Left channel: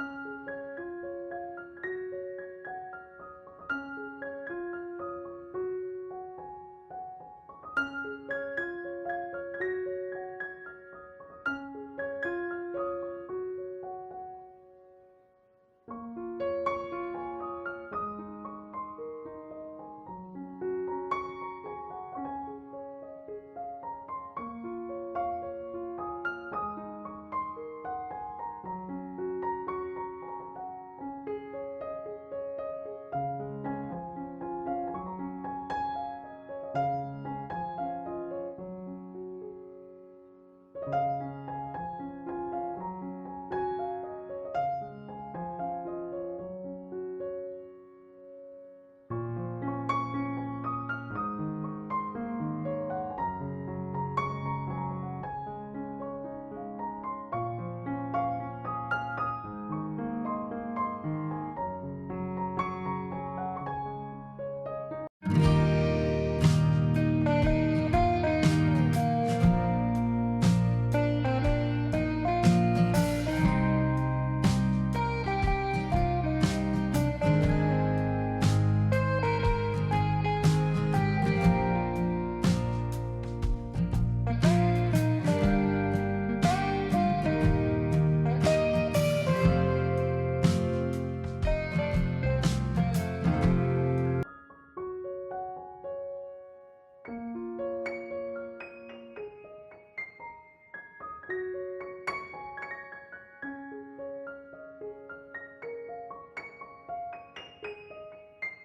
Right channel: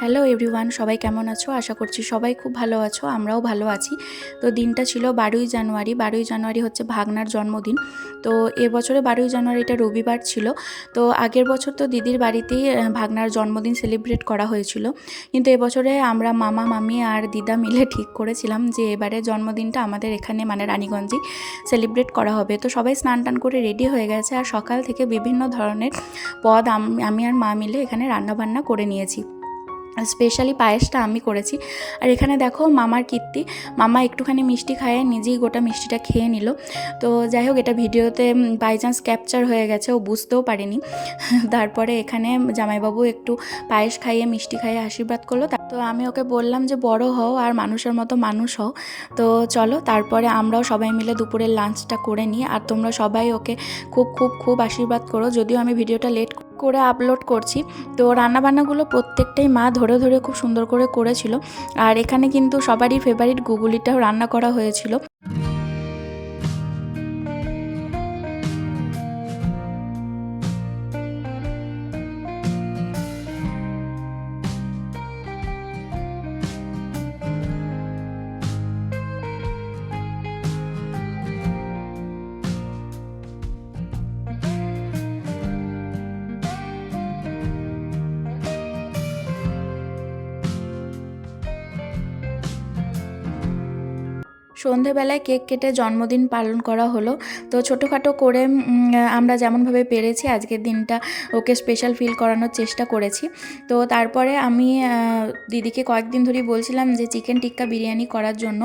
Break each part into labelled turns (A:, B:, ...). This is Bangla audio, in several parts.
A: হ্যালো এভরিওয়ান সবাই কেমন আছো? আশা করছি সবাই খুব ভালো আছো, আমরাও ভালো আছি। তো দিনটা ছিল বারোই জানুয়ারি বারোই জানুয়ারি হচ্ছে ভাগনার জন্মদিন। তো এবছরে বারোই জানুয়ারিটা রবিবার ছিল। তো আগের বছর তো দিদির বাড়িতেই ভাগনার জন্মদিন সেলিব্রেট করা হয়েছিল। কিন্তু এবছরে আমরা মামা, মামি আর দিদা মিলে ঠিক করেছিলাম যে এবারে জন্মদিনটা আমাদের এখানে মানে রানীগঞ্জেই সেলিব্রেট করা হবে। তো সবাই স্নান টান করে রেডি হয়ে গেছে আর সকাল থেকে বিভিন্ন ধরনের পদ আমি আর মা মিলে এখানে রান্নাবান্না করে নিয়েছি। স্পেশালি পায়েসটা আমি করেছি। আর এখানে দেখো মামার কীর্তি। মামা একটুখানি মিষ্টি খায়, নিজেই গোটা মিষ্টিটা খেয়ে নিল। তো যাই হোক, এটা ভিডিওতে বাই চান্স ক্যাপচার হয়ে গেছে, ও বুঝতেও পারেনি। তারপরে এখানে জামাইবাবু একটু পায়েস খাইয়ে, মিষ্টি খাইয়ে আশীর্বাদ করল। তা- আমি ওকে বললাম যে, বড় হও আর মানুষের মতো মানুষ হও। তো চলো, তারপরে আমরাও সবাই মিলে দুপুরের লাঞ্চটা করে নিই। আর তোমরা সবাই ওকে খুব খুব খুব আশীর্বাদ করো। যদিও আমি ভিডিওটা লেট করে আপলোড করছি। তো রান্নাবান্নাগুলো প্রত্যেকটাই মা ধরে ধরে খুব সুন্দর করে করেছিল। আর এখানে কিন্তু সবারই ফেভারিট গুগলিটাও রান্না করা হয়েছিল। সন্ধেবেলায় কেক কেটে জন্মদিন পালন করা হলো। তো ছোটোখাটো করে আমরা যেমনভাবে পেরেছি, আজকের দিনটা ওকে স্পেশাল ফিল করানোর চেষ্টা করেছি। তো তারপরে আমি দিদিকে কয়েকদিন ধরেই বলছিলাম যে চিকেন টিক্কা বিরিয়ানি করার জন্য।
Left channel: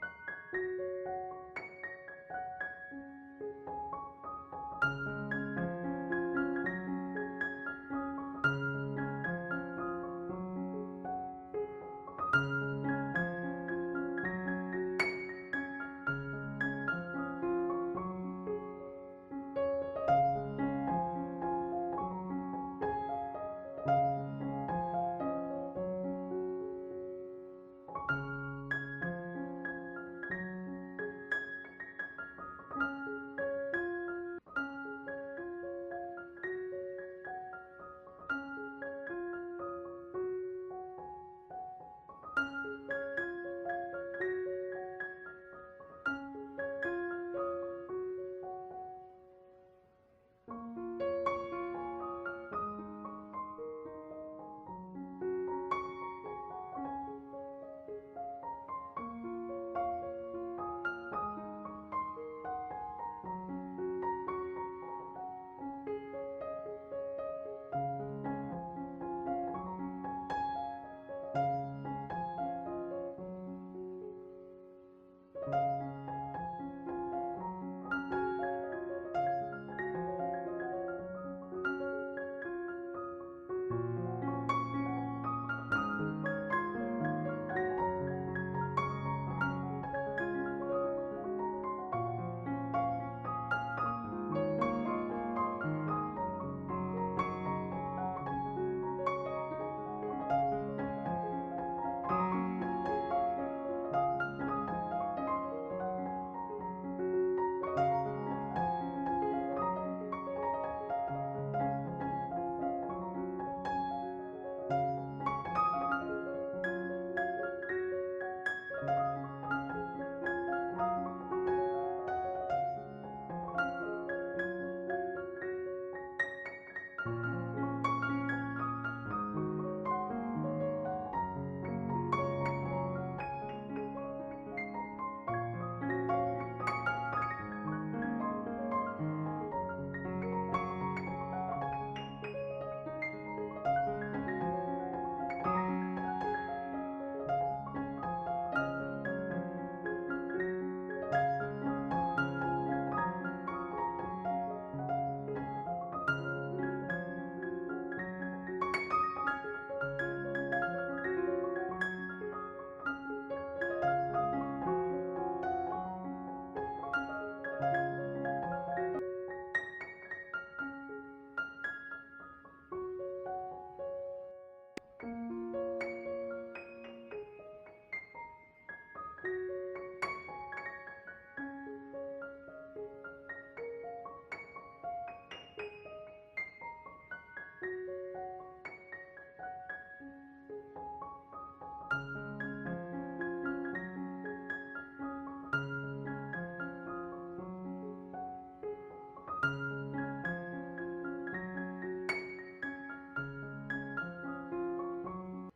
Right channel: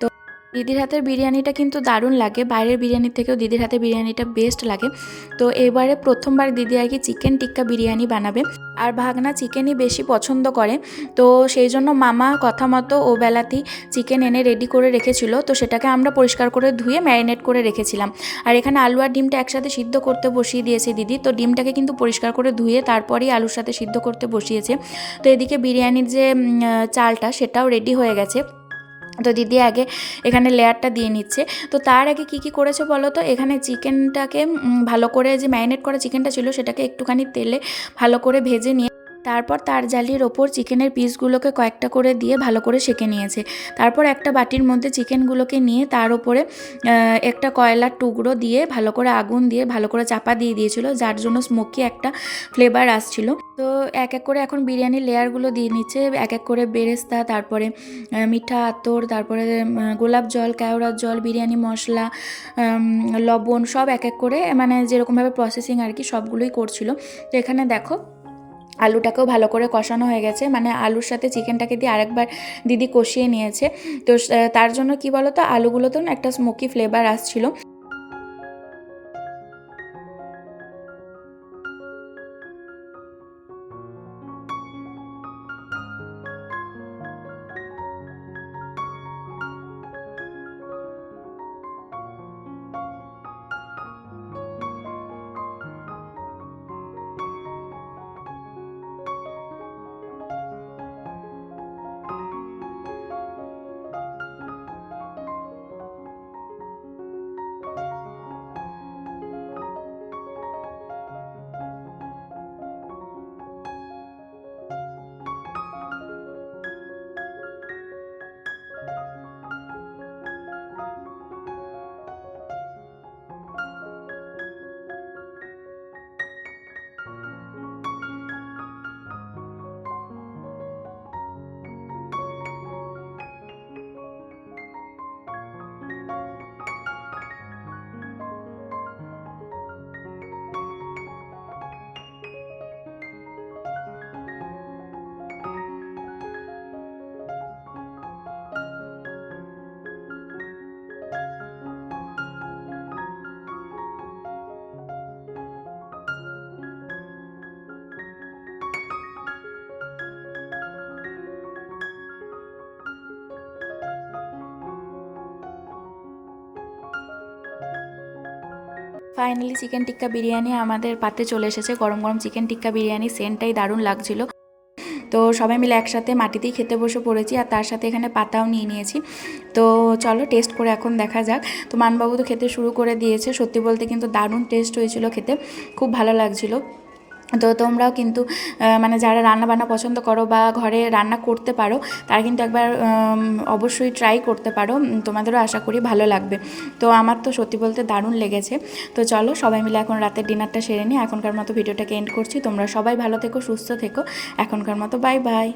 A: তো দিদির হাতের বিরিয়ানিটা কিন্তু দারুণ লাগে। বাইরের বিরিয়ানির থেকেও দিদির হাতের বিরিয়ানিটা বেস্ট লাগে। তো এবারে প্রথমবার দিদি আর কি চিকেন টিক্কা বিরিয়ানি বানাবে। আর ভাগনা চিকেনই বেশি পছন্দ করে। তো সেই জন্য মামা কথা মতো ও বেলাতেই চিকেন এনে রেডি করে রেখেছিল। তো সেটাকে আমরা পরিষ্কার করে ধুয়ে ম্যারিনেট করে রেখেছিলাম। আর এখানে আলু আর ডিমটা একসাথে সিদ্ধ করতে বসিয়ে দিয়েছে দিদি। তো ডিমটাকে কিন্তু পরিষ্কার করে ধুয়ে তারপরেই আলুর সাথে সিদ্ধ করতে বসিয়েছে। তো এদিকে বিরিয়ানির যে চালটা সেটাও রেডি হয়ে গেছে। তো দিদি আগে এখানে লেয়ারটা দিয়ে নিচ্ছে। তো তার আগে কি কি করেছে বলো তো? এখানে চিকেনটাকে ভালো করে যে ম্যারিনেট করা চিকেনটা ছিল সেটাকে একটুখানি তেলে ভালো করে ভেজে নিয়ে তারপর তার জালির ওপর চিকেনের পিসগুলোকে কয়েকটা করে দিয়ে ভালো করে সেঁকে নিয়েছে। তারপর একটা বাটির মধ্যে চিকেনগুলোকে নিয়ে তার ওপরে একটা কয়লার টুকরো দিয়ে ভালো করে আগুন দিয়ে ভালো করে চাপা দিয়ে দিয়েছিল, যার জন্য স্মোকি একটা ফ্লেভার আসছিল। তো এক এক করে এখন বিরিয়ানির লেয়ারগুলো দিয়ে নিচ্ছে, এক এক করে বেরেস্তা, তারপরে মিঠা আতর, তারপরে গোলাপ জল কেওড়ার জল, বিরিয়ানি মশলা লবণ সব এক এক করে মানে যেরকমভাবে প্রসেসিং আর কি সবগুলোই করছিল। তো এখানে দেখো আলুটাকেও ভালো করে কষানো হয়ে গেছে। মানে আলুর সাথে চিকেনটাকে দিয়ে আরেকবার দিদি কষিয়ে নিয়েছে। তো তার জন্য কি বলো তো আলুগুলোতেও না একটা স্মোকি ফ্লেভার আসছিল। ফাইনালি চিকেন টিক্কা বিরিয়ানি আমাদের পাতে চলে এসেছে। গরম গরম চিকেন টিক্কা বিরিয়ানি সেন্টটাই দারুণ লাগছিল। তো সবাই মিলে একসাথে মাটিতেই খেতে বসে পড়েছি আর তার সাথে এখানে পাতাও নিয়ে নিয়েছি। তো চলো টেস্ট করে এখন দেখা যাক। তো মানবাবু তো খেতে শুরু করে দিয়েছে। সত্যি বলতে কিন্তু দারুণ টেস্ট হয়েছিল খেতে। খুব ভালো লাগছিল। তো তোমরাও কিন্তু মানে যারা রান্না বান্না পছন্দ করো বা ঘরে রান্না করতে পারো, তারা কিন্তু একবার অবশ্যই ট্রাই করতে পারো। তোমাদেরও আশা করি ভালো লাগবে। তো আমার তো সত্যি বলতে দারুণ লেগেছে। তো চলো সবাই মিলে এখন রাতের ডিনারটা সেরে নিই। এখনকার মতো ভিডিওটাকে এন্ড করছি। তোমরা সবাই ভালো থেকো, সুস্থ থেকো। এখনকার মতো বাই বাই